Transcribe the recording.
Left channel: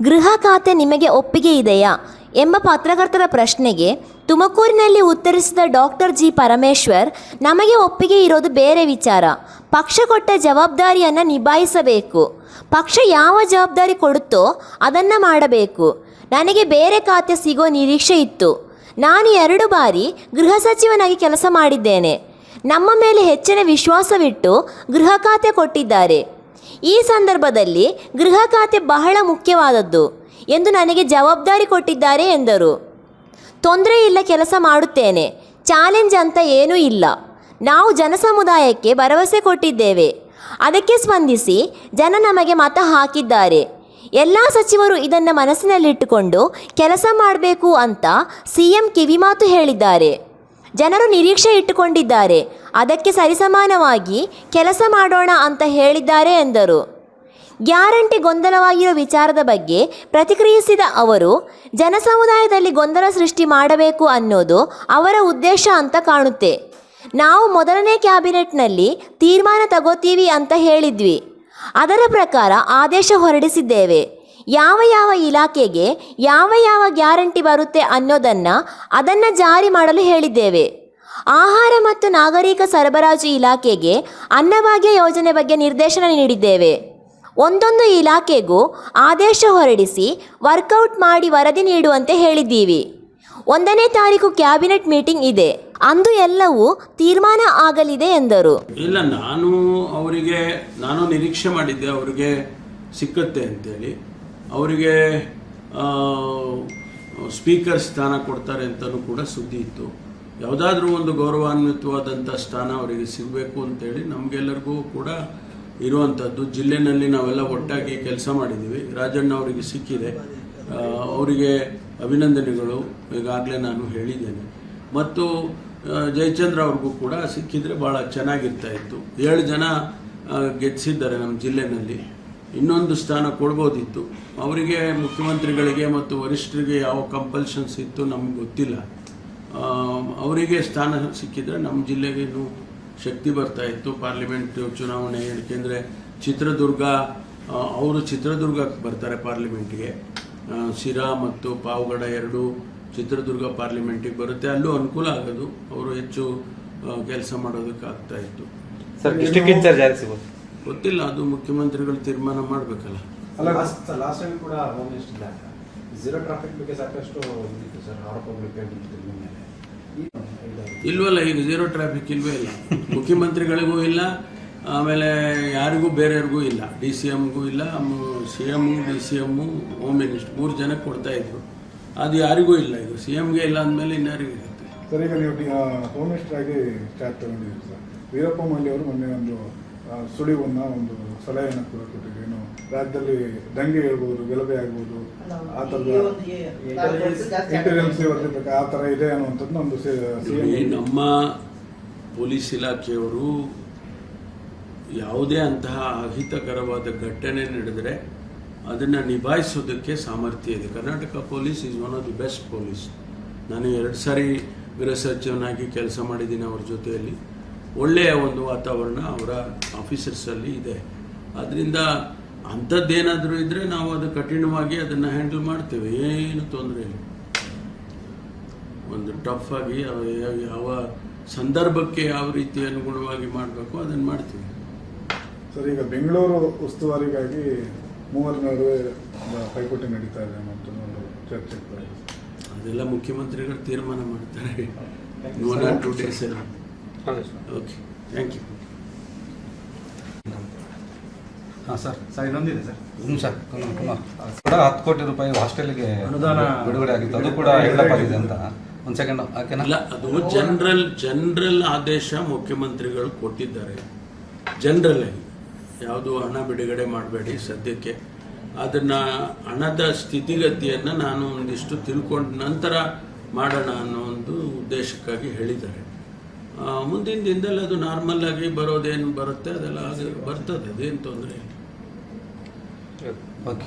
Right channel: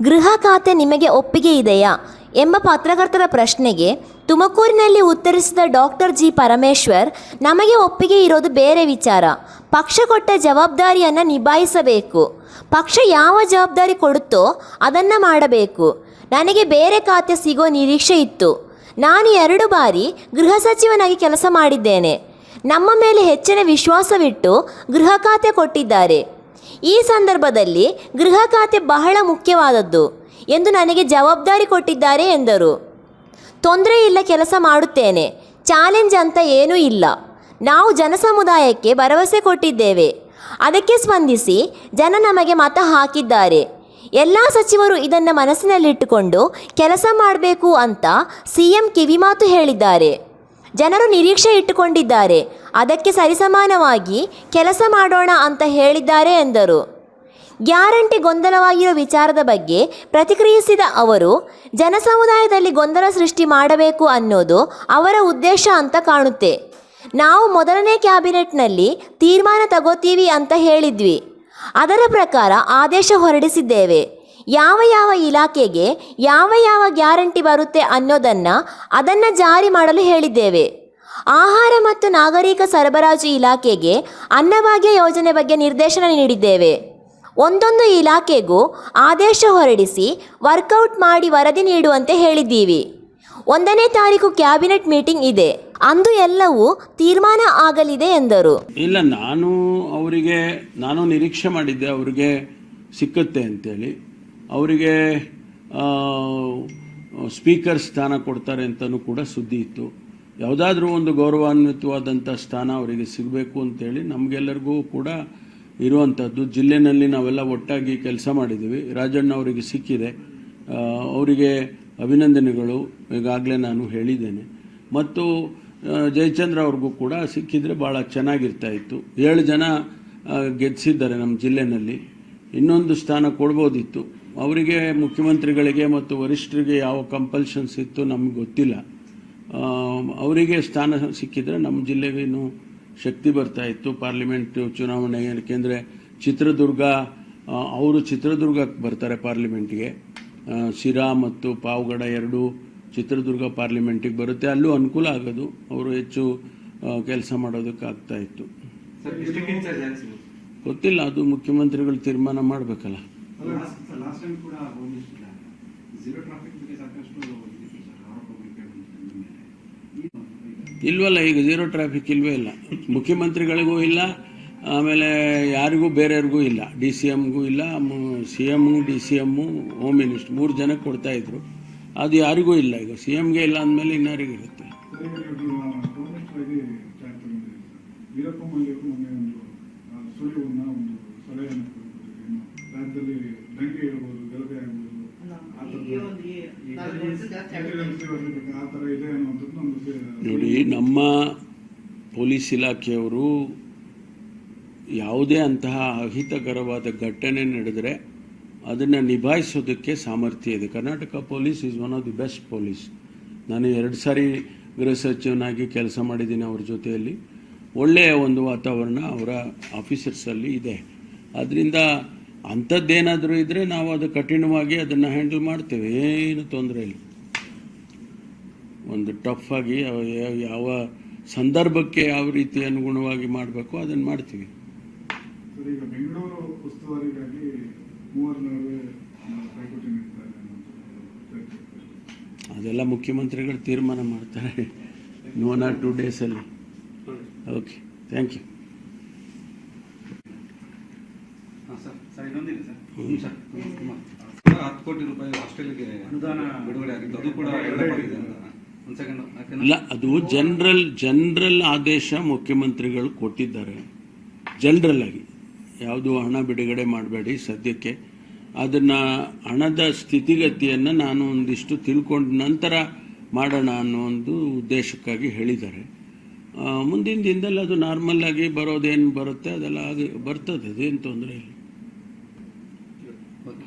ಗೃಹ ಖಾತೆ ನಿಮಗೆ ಒಪ್ಪಿಗೆ ಇದೆಯಾ ಎಂಬ ಪತ್ರಕರ್ತರ ಪ್ರಶ್ನೆಗೆ ತುಮಕೂರಿನಲ್ಲಿ ಉತ್ತರಿಸಿದ ಡಾಕ್ಟರ್ ಜಿ ಪರಮೇಶ್ವರ್, ನಮಗೆ ಒಪ್ಪಿಗೆ ಇರೋದು ಬೇರೆ ವಿಚಾರ. ಪಕ್ಷ ಕೊಟ್ಟ ಜವಾಬ್ದಾರಿಯನ್ನು ನಿಭಾಯಿಸಬೇಕು. ಪಕ್ಷ ಯಾವ ಜವಾಬ್ದಾರಿ ಕೊಡುತ್ತೋ ಅದನ್ನು ಮಾಡಬೇಕು. ನನಗೆ ಬೇರೆ ಖಾತೆ ಸಿಗೋ ನಿರೀಕ್ಷೆ ಇತ್ತು. ನಾನು 2 ಬಾರಿ ಗೃಹ ಸಚಿವನಾಗಿ ಕೆಲಸ ಮಾಡಿದ್ದೇನೆ. ನಮ್ಮ ಮೇಲೆ ಹೆಚ್ಚಿನ ವಿಶ್ವಾಸವಿಟ್ಟು ಗೃಹ ಖಾತೆ ಕೊಟ್ಟಿದ್ದಾರೆ. ಈ ಸಂದರ್ಭದಲ್ಲಿ ಗೃಹ ಖಾತೆ ಬಹಳ ಮುಖ್ಯವಾದದ್ದು ಎಂದು ನನಗೆ ಜವಾಬ್ದಾರಿ ಕೊಟ್ಟಿದ್ದಾರೆ ಎಂದರು. ತೊಂದರೆ ಇಲ್ಲ, ಕೆಲಸ ಮಾಡುತ್ತೇನೆ. ಚಾಲೆಂಜ್ ಅಂತ ಏನೂ ಇಲ್ಲ. ನಾವು ಜನಸಮುದಾಯಕ್ಕೆ ಭರವಸೆ ಕೊಟ್ಟಿದ್ದೇವೆ. ಅದಕ್ಕೆ ಸ್ಪಂದಿಸಿ ಜನ ನಮಗೆ ಮತ ಹಾಕಿದ್ದಾರೆ. ಎಲ್ಲ ಸಚಿವರು ಇದನ್ನು ಮನಸ್ಸಿನಲ್ಲಿಟ್ಟುಕೊಂಡು ಕೆಲಸ ಮಾಡಬೇಕು ಅಂತ CM ಕಿವಿಮಾತು ಹೇಳಿದ್ದಾರೆ. ಜನರು ನಿರೀಕ್ಷೆ ಇಟ್ಟುಕೊಂಡಿದ್ದಾರೆ. ಅದಕ್ಕೆ ಸರಿಸಮಾನವಾಗಿ ಕೆಲಸ ಮಾಡೋಣ ಅಂತ ಹೇಳಿದ್ದಾರೆ ಎಂದರು. ಗ್ಯಾರಂಟಿ ಗೊಂದಲವಾಗಿರೋ ವಿಚಾರದ ಬಗ್ಗೆ ಪ್ರತಿಕ್ರಿಯಿಸಿದ ಅವರು, ಜನಸಮುದಾಯದಲ್ಲಿ ಗೊಂದಲ ಸೃಷ್ಟಿ ಮಾಡಬೇಕು ಅನ್ನೋದು ಅವರ ಉದ್ದೇಶ ಅಂತ ಕಾಣುತ್ತೆ. ನಾವು ಮೊದಲನೇ ಕ್ಯಾಬಿನೆಟ್ನಲ್ಲಿ ತೀರ್ಮಾನ ತಗೋತೀವಿ ಅಂತ ಹೇಳಿದ್ವಿ. ಅದರ ಪ್ರಕಾರ ಆದೇಶ ಹೊರಡಿಸಿದ್ದೇವೆ. ಯಾವ ಯಾವ ಇಲಾಖೆಗೆ ಯಾವ ಗ್ಯಾರಂಟಿ ಬರುತ್ತೆ ಅದನ್ನು ಜಾರಿ ಮಾಡಲು ಹೇಳಿದ್ದೇವೆ. ಆಹಾರ ಮತ್ತು ನಾಗರಿಕ ಸರಬರಾಜು ಇಲಾಖೆಗೆ ಅನ್ನಭಾಗ್ಯ ಯೋಜನೆ ಬಗ್ಗೆ ನಿರ್ದೇಶನ ನೀಡಿದ್ದೇವೆ. ಒಂದೊಂದು ಇಲಾಖೆಗೂ ಆದೇಶ ಹೊರಡಿಸಿ ವರ್ಕೌಟ್ ಮಾಡಿ ವರದಿ ನೀಡುವಂತೆ ಹೇಳಿದ್ದೀವಿ. 1ನೇ ತಾರೀಕು ಕ್ಯಾಬಿನೆಟ್ ಮೀಟಿಂಗ್ ಇದೆ. ಅಂದು ಎಲ್ಲವೂ ತೀರ್ಮಾನ ಆಗಲಿದೆ ಎಂದರು. ಇಲ್ಲ, ನಾನು ನಿರೀಕ್ಷೆ ಮಾಡಿದ್ದೆ ಅವರಿಗೆ ಸಿಕ್ಕತ್ತೆ ಅಂತೇಳಿ. ಅವರಿಗೆ ಸ್ಪೀಕರ್ ಸ್ಥಾನ ಕೊಡ್ತಾರೆ ಅಂತಲೂ ಕೂಡ ಸುದ್ದಿ ಇತ್ತು. ಯಾವುದಾದ್ರೂ ಒಂದು ಗೌರವಾನ್ವಿತವಾದಂಥ ಸ್ಥಾನ ಅವರಿಗೆ ಸಿಗಬೇಕು ಅಂತೇಳಿ ನಮಗೆಲ್ಲರಿಗೂ ಕೂಡ ಇರುವಂಥದ್ದು. ಜಿಲ್ಲೆಯಲ್ಲಿ ನಾವೆಲ್ಲ ಒಟ್ಟಾಗಿ ಕೆಲಸ ಮಾಡಿದ್ದೀವಿ. ರಾಜಣ್ಣ ಅವರಿಗೆ ಸಿಕ್ಕಿದೆ, ಅವರಿಗೆ ಅಭಿನಂದನೆಗಳು ಈಗಾಗಲೇ ನಾನು ಹೇಳಿದ್ದೇನೆ. ಮತ್ತು ಜಯಚಂದ್ರ ಅವ್ರಿಗೂ ಕೂಡ ಸಿಕ್ಕಿದರೆ ಭಾಳ ಚೆನ್ನಾಗಿರ್ತಾ ಇತ್ತು. 7 ಜನ ಗೆದ್ದಿದ್ದಾರೆ ನಮ್ಮ ಜಿಲ್ಲೆಯಲ್ಲಿ. ಇನ್ನೊಂದು ಸ್ಥಾನ ಕೊಡ್ಬೋದಿತ್ತು ಅವರಿಗೆ. ಮುಖ್ಯಮಂತ್ರಿಗಳಿಗೆ ಮತ್ತು ವರಿಷ್ಠರಿಗೆ ಯಾವ ಕಂಪಲ್ಷನ್ಸ್ ಇತ್ತು ನಮಗೆ ಗೊತ್ತಿಲ್ಲ. ಅವರಿಗೆ ಸ್ಥಾನ ಸಿಕ್ಕಿದ್ರೆ ನಮ್ಮ ಜಿಲ್ಲೆಗೇನು ಶಕ್ತಿ ಬರ್ತಾ ಇತ್ತು. ಪಾರ್ಲಿಮೆಂಟ್ ಚುನಾವಣೆ, ಏಕೆಂದರೆ ಅವರು ಚಿತ್ರದುರ್ಗಕ್ಕೆ ಬರ್ತಾರೆ ಪಾರ್ಲಿಮೆಂಟ್ಗೆ. ಶಿರಾ ಮತ್ತು ಪಾವಗಡ 2 ಚಿತ್ರದುರ್ಗ ಪಾರ್ಲಿಮೆಂಟಿಗೆ ಬರುತ್ತೆ. ಅಲ್ಲೂ ಅನುಕೂಲ ಆಗೋದು, ಅವರು ಹೆಚ್ಚು ಕೆಲಸ ಮಾಡೋದಕ್ಕೆ ಆಗ್ತಾ ಇತ್ತು. ಗೊತ್ತಿಲ್ಲ, ಅದು ಮುಖ್ಯಮಂತ್ರಿಗಳು ತೀರ್ಮಾನ ಮಾಡಬೇಕಲ್ಲ. ಇಲ್ವಲ್ಲ, ಈಗ ಝೀರೋ ಟ್ರಾಫಿಕ್ ಇಲ್ವೇ ಇಲ್ಲ. ಮುಖ್ಯಮಂತ್ರಿಗಳಿಗೂ ಇಲ್ಲ, ಆಮೇಲೆ ಯಾರಿಗೂ ಬೇರೆಯವ್ರಿಗೂ ಇಲ್ಲ. DCMಗೂ ಇಲ್ಲ, CM, DCM, ಹೋಮ್ ಮಿನಿಸ್ಟರ್ 3 ಜನಕ್ಕೆ ಕೊಡ್ತಾ ಇದ್ರು. ಅದು ಯಾರಿಗೂ ಇಲ್ಲ. ಈಗ CMಗೆ ಇಲ್ಲ ಅಂದಮೇಲೆ ಇನ್ಯಾರಿಗೂ ಇರುತ್ತೆ. ಸರ್, ಈಗ ನೀವು ಹೋಮ್ ಮಿನಿಸ್ಟರ್ ಆಗಿ ಚಾರ್ಜ್ ತಗೊಂಡಿದ್ದೀರಿ ಸರ್. ವೀರಪ್ಪ ಮೊಯ್ಲಿ ಅವರು ಮೊನ್ನೆ ಒಂದು ಸುಳಿವನ್ನ ಒಂದು ಸಲಹೆಯನ್ನು ಕೂಡ ಕೊಟ್ಟಿದ್ದೇನು, ರಾಜ್ಯದಲ್ಲಿ ದಂಗೆ ಹೇಳ್ಬೋದು, ಗಲಭೆ ಆಗ್ಬೋದು, ಆ ಥರದ ಇಂಟೆಲಿಜೆನ್ಸ್ ಆ ಥರ ಇದೆ ಅನ್ನುವಂಥದ್ದು ನಮ್ಮದು. ನಮ್ಮ ಪೊಲೀಸ್ ಇಲಾಖೆಯವರು ಯಾವುದೇ ಅಂತಹ ಅಹಿತಕರವಾದ ಘಟನೆ ನಡೆದರೆ ಅದನ್ನು ನಿಭಾಯಿಸೋದಕ್ಕೆ ಸಾಮರ್ಥ್ಯ ಇದೆ. Karnataka police is one of the best police. ನಾನು 2 ಸಾರಿ ಗೃಹ ಸಚಿವನಾಗಿ ಕೆಲಸ ಮಾಡಿದ್ದೀನಿ ಅವ್ರ ಜೊತೆಯಲ್ಲಿ. ಒಳ್ಳೆಯ ಒಂದು ವಾತಾವರಣ ಅವರ ಆಫೀಸರ್ಸಲ್ಲಿ ಇದೆ. ಅದರಿಂದ ಅಂಥದ್ದೇನಾದರೂ ಇದ್ದರೆ ನಾವು ಅದು ಕಠಿಣವಾಗಿ ಅದನ್ನು ಹ್ಯಾಂಡಲ್ ಮಾಡ್ತೇವೆ, ಏನು ತೊಂದರೆ ಇಲ್ಲ. ಒಂದು ಟಫ್ ಆಗಿ ಯಾವ ಸಂದರ್ಭಕ್ಕೆ ಯಾವ ರೀತಿ ಅನುಗುಣವಾಗಿ ಮಾಡಬೇಕು ಅದನ್ನು ಮಾಡ್ತೀವಿ. ಸರ್, ಈಗ ಬೆಂಗಳೂರು ಉಸ್ತುವಾರಿಗಾಗಿ 3 ನಡುವೆ ಪೈಪೋಟಿ ನಡೀತಾ ಇದೆ ಅನ್ನೋದು ಚರ್ಚೆ. ಅದೆಲ್ಲ ಮುಖ್ಯಮಂತ್ರಿಗಳು ತೀರ್ಮಾನ ಮಾಡ್ತಾರೆ 1 or 2 ಡೇಸಲ್ಲಿ. Okay, thank you. ಹಾಂ ಸರ್, ಇನ್ನೊಂದಿದೆ ಸರ್. ಸರ್, ಕೂಡ 10 ಕೋಟಿ ರೂಪಾಯಿ ಹಾಸ್ಟೆಲ್ಗೆ ಅನುದಾನ ಬಿಡುಗಡೆ ಆಗಿತ್ತು. ಅದು ಕೂಡ ಹೆಲ್ಡಪ್ ಆಗಿದೆ ಅಂತ. ಒಂದು ಸೆಕೆಂಡ್. ಇಲ್ಲ, ಅದು ಜನರಲ್ ಆದೇಶ ಮುಖ್ಯಮಂತ್ರಿಗಳು ಕೊಟ್ಟಿದ್ದಾರೆ. ಜನರಲ್ ಆಗಿ ಯಾವುದು ಹಣ ಬಿಡುಗಡೆ ಮಾಡಬೇಡಿ ಸದ್ಯಕ್ಕೆ. ಅದನ್ನು ಹಣದ ಸ್ಥಿತಿಗತಿಯನ್ನು ನಾನು ಒಂದಿಷ್ಟು ತಿಳ್ಕೊಂಡ ನಂತರ ಮಾಡೋಣ ಅನ್ನೋ ಒಂದು ಉದ್ದೇಶಕ್ಕಾಗಿ ಹೇಳಿದ್ದಾರೆ. ಮುಂದಿನ ದಿನದಲ್ಲಿ ಅದು ನಾರ್ಮಲ್ ಆಗಿ ಬರೋದೇನು ಬರುತ್ತೆ ಅದೆಲ್ಲ ಬರ್ತದೆ, ಅದೇನು ತೊಂದರೆ ಇಲ್ಲ. ಓಕೆ.